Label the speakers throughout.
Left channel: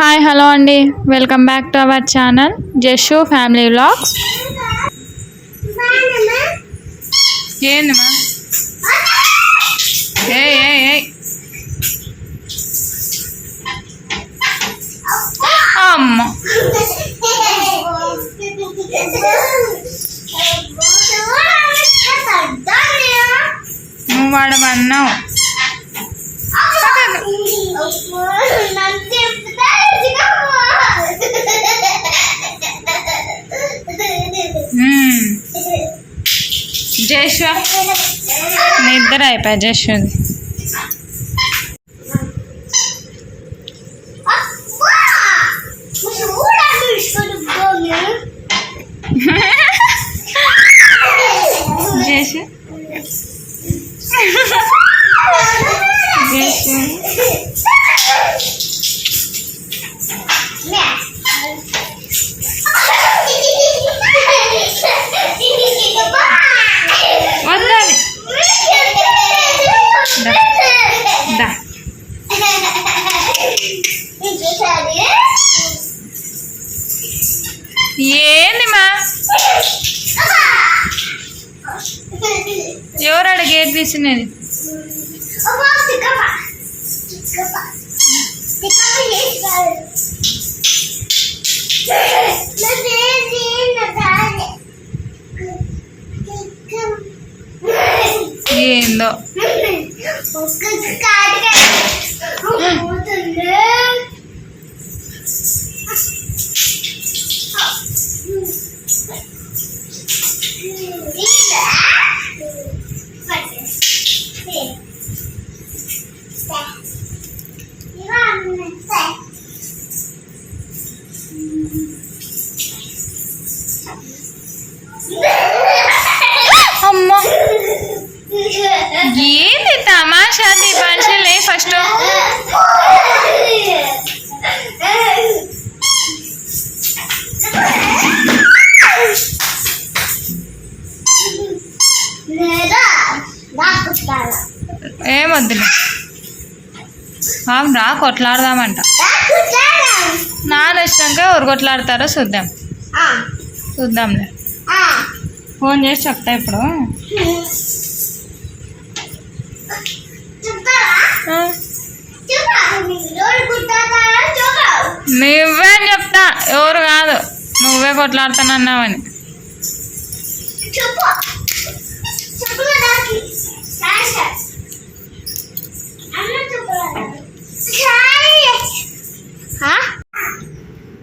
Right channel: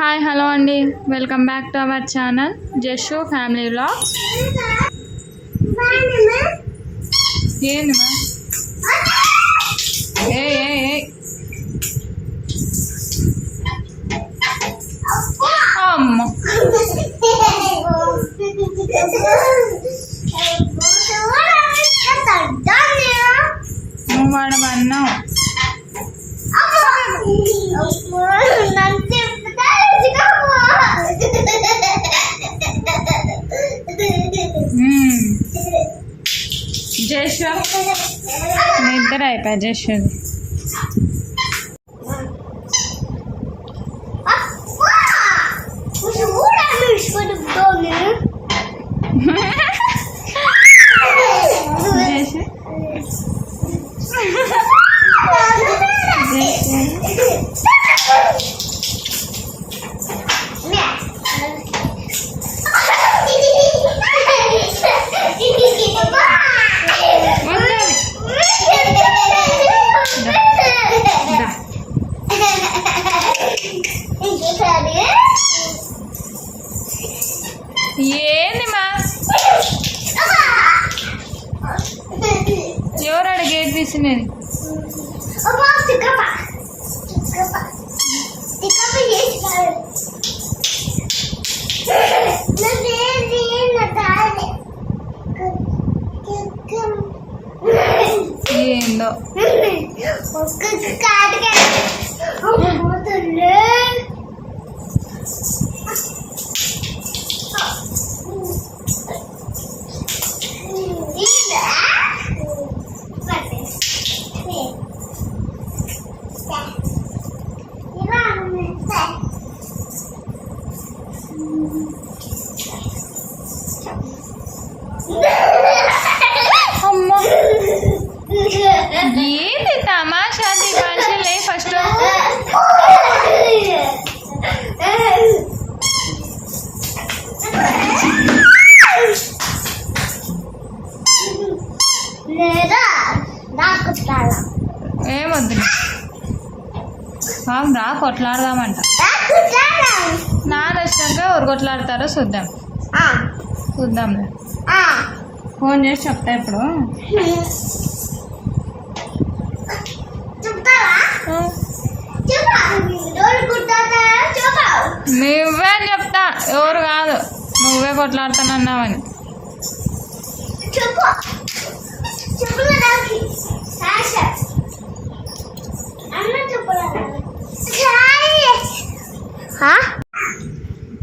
Speaker 1: Hi hello అండి. Welcome back to our channel Jashu family vlogs ఏందమ్మా ఏ ఏ జషు నిద్ర అయిపోయా జషుది జషు ఏంది మా? ఎవరాడ గేట్ తీసినది? ఏందో? అమ్మ. ఏంది తమాషా దీపాంశలే ఫస్ట్? ఏమొద్దు రా కొట్లాడదామంట. కొట్లాడతారో చూద్దాం. చూద్దాంలే ఫోన్ చేసి చెప్తా ఇప్పుడు. నువ్వే అని చెప్తా. ఎవరు కాదు. నువ్వే కొట్లాడుతానన్నావని.
Speaker 2: చెప్పు.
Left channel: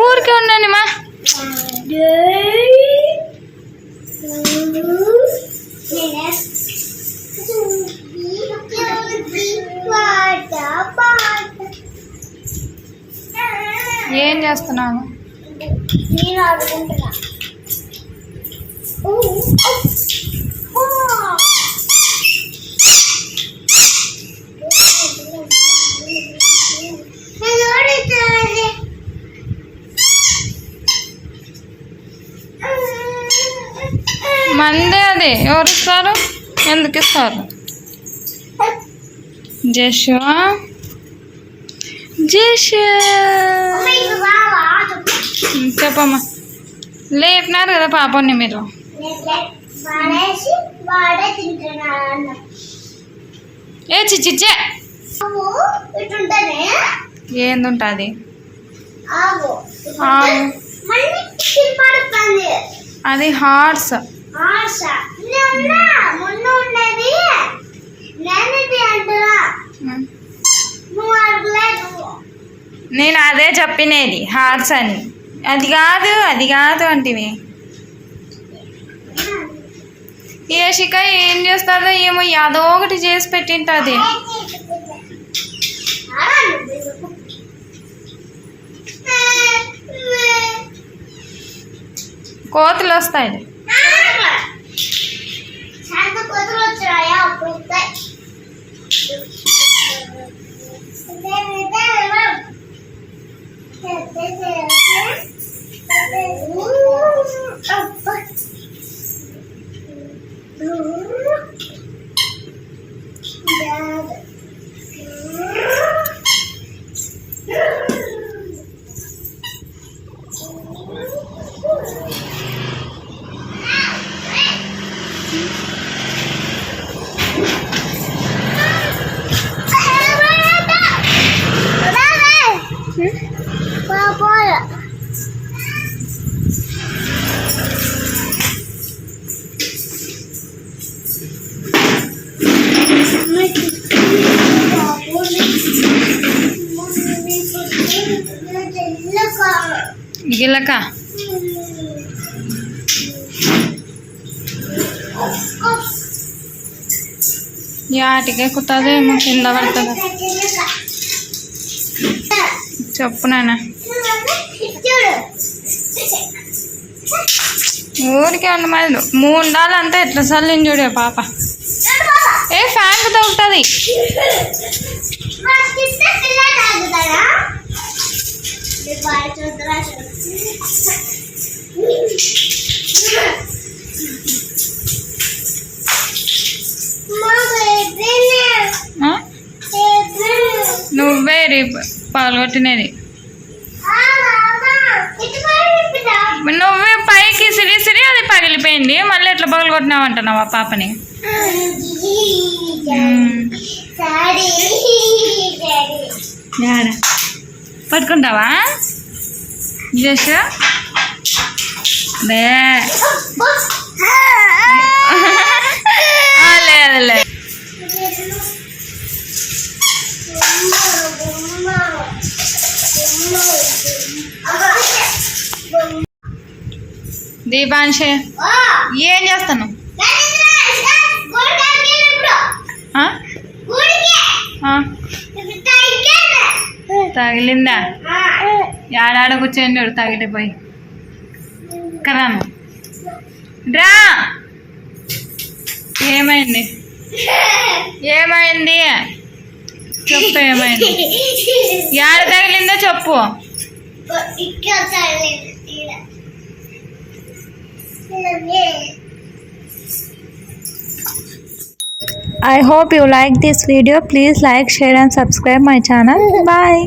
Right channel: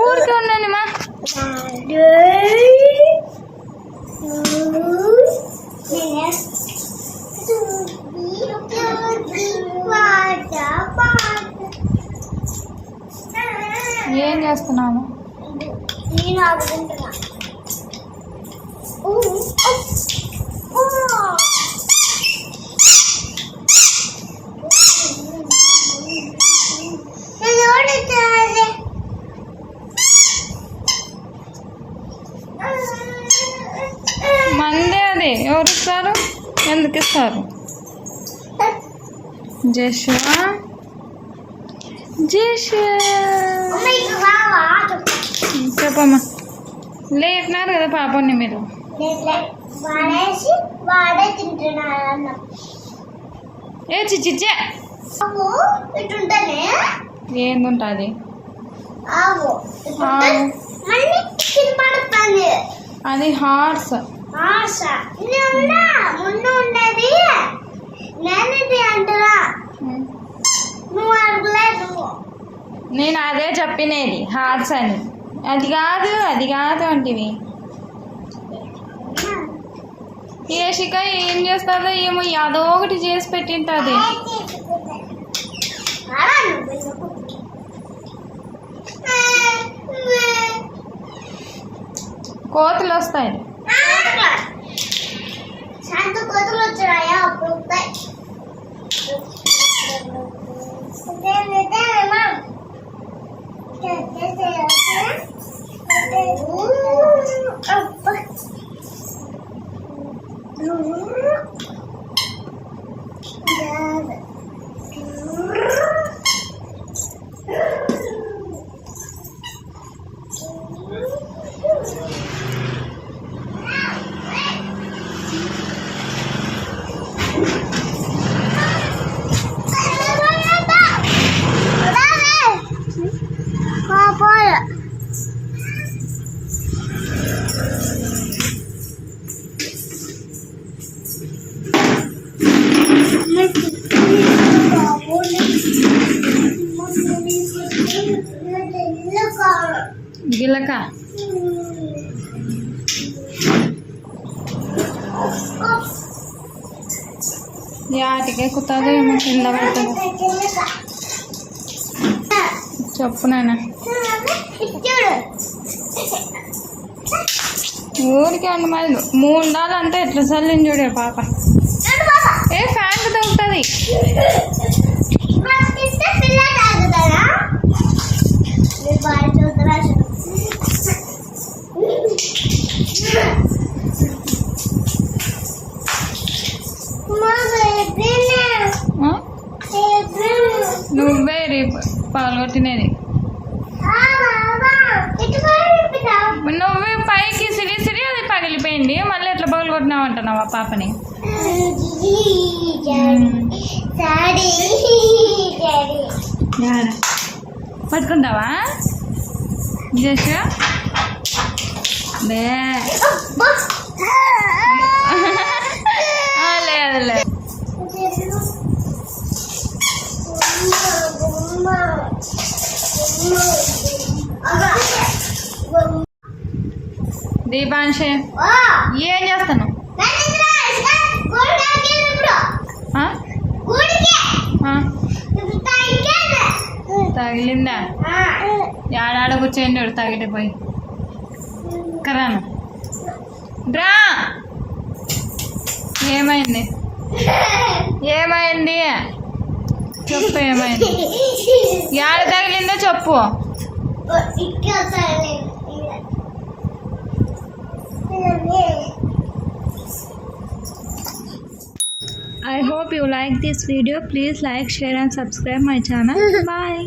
Speaker 1: ఊరికే ఉండండి మా. ఏం చేస్తున్నాను
Speaker 2: నేను ఆడుకుంటున్నా.
Speaker 1: మందే అది. ఎవరు ఇస్తారు? ఎందుకు ఇస్తారు? జషు జషు!
Speaker 2: అమ్మ, ఇది బావా? ఆడు.
Speaker 1: చెప్పమ్మా. లేపినారు కదా పాపని మీరు. ఏ చిచ్చిచ్చే
Speaker 2: ఇటుంటేనే
Speaker 1: ఏంది ఉంటుంది అది హార్స్.
Speaker 2: నేను
Speaker 1: అదే చెప్పినది హార్ట్స్ అని. అది కాదు అది కాదు అంటివి. ఏ శిఖ ఏం చేస్తుందో ఏమో యాదో ఒకటి చేసి పెట్టింటుంది. కోతులు వస్తాయి. గిలక యాటికే ఎక్కుతుందో ఏమో కింద పడుతుంది. చెప్పు నాన్న. ఊరికే ఉండి మరి మూడు డాలు అంతా ఎట్లా చల్లింది చూడే పాప. ఏ ఫ్యాన్ తగ్గుతుంది పాల్గొట్టినది. నువ్వే పైకి సిరి సిరి అది పగిలిపోయింది. మళ్ళీ ఎట్లా పగలగొట్టినావు అంటున్నావు ఆ పాపని? పట్టుకుంటావా? జస్ లేదు లేదు. దీపాంశ ఏం చేస్తాను తగిలిందా? ఏడాడ కూర్చోండి వాడు తగిలిపోయి పోయి. రా ఏమైంది? ఏమైంది? చెప్పు ఏమైంది ఏడ తగిలిందో చెప్పు
Speaker 3: I hope you like this video. Please like, share and subscribe my channel. Bye.